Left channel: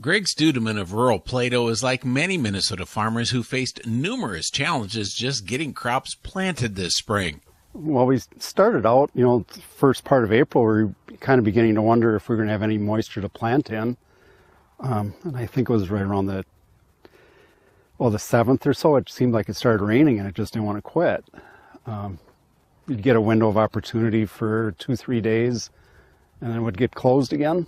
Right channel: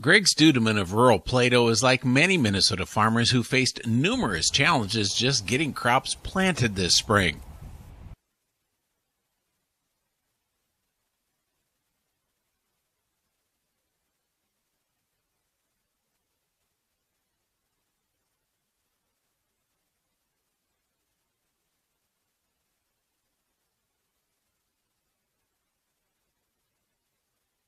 Greg Studeman of rural Plato is like many Minnesota farmers who faced numerous challenges just getting crops planted this spring. Well, we started out, first part of April, we were kind of beginning to wonder if we were going to have any moisture to plant in. And I think it was right around the 7th or so, it seemed like it started raining and it just didn't want to quit. You'd get a window of opportunity for 2-3 days and then it would get closed again.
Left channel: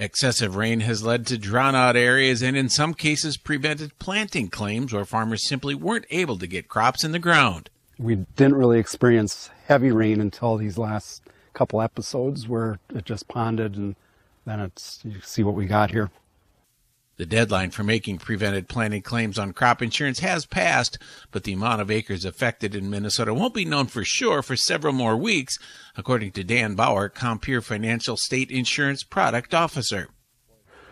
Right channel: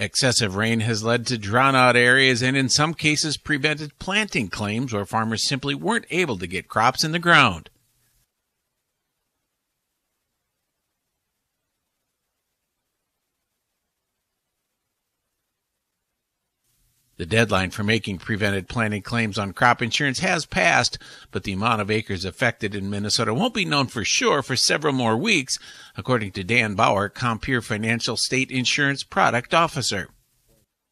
Excessive rain has led to drown-out areas and in some cases prevented planting claims where farmers simply weren't able to get crops in the ground. We didn't really experience heavy rain until these last couple episodes where it just ponded, and then you see what we got here. The deadline for making prevented planting claims on crop insurance has passed, but the amount of acres affected in Minnesota won't be known for sure for several more weeks, according to Dan Bauer, Compeer Financial State Insurance Product Officer.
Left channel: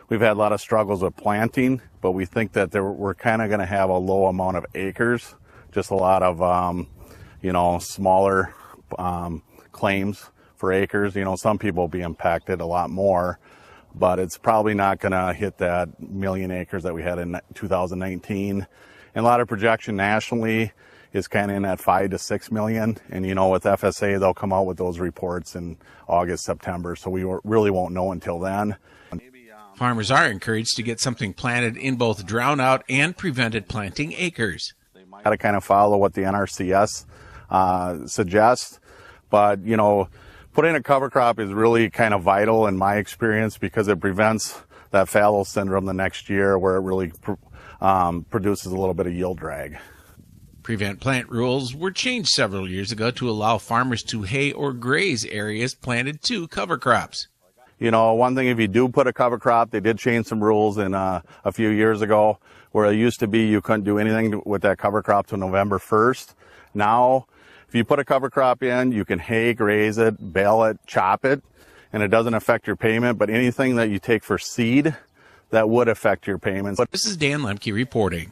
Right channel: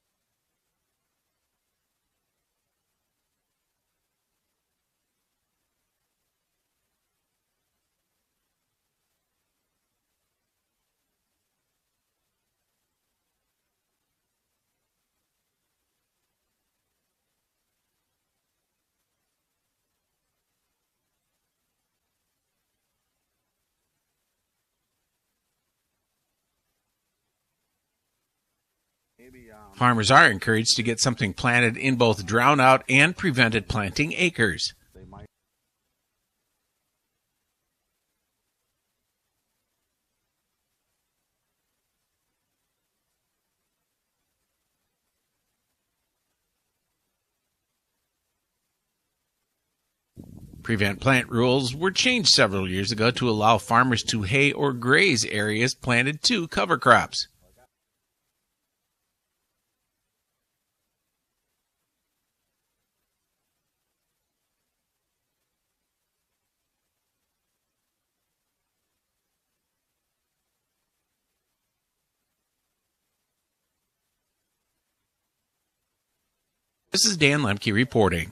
We've had a lot of struggles with planting, but we think that we're kind of going to have a low amount of acres, just a lot of, smaller claims for acres. Some people will be impacted a lot more, but it's probably not going to hit that million acres that we had in 2019. And a lot of projection nationally is kind of in that 5 to 6 million. And, with FSA, they'll come out with those reports in August, September. So we really won't know until then. Farmers are encouraged to get something planted in both drown-out and prevented planting acres. Got to kind of follow what the NRCS suggests. But, putting a cover crop is really kind of vital in my experience because it prevents that fallow syndrome the next year where it really produces a little bit of yield drag. Prevent plant rules were changed several years ago to allow farmers to hay or graze areas planted to cover crops. One thing, if you do put a cover crop, they did change some rules a few years ago where it used to be you couldn't do anything with that cover crop till November 1st. Now, if you put a cover crop in, you can hay, graze it, bale it, chop it, and it doesn't affect your payment. But anything that you take for seed, that would affect your payments. This is Dan Lemke reporting.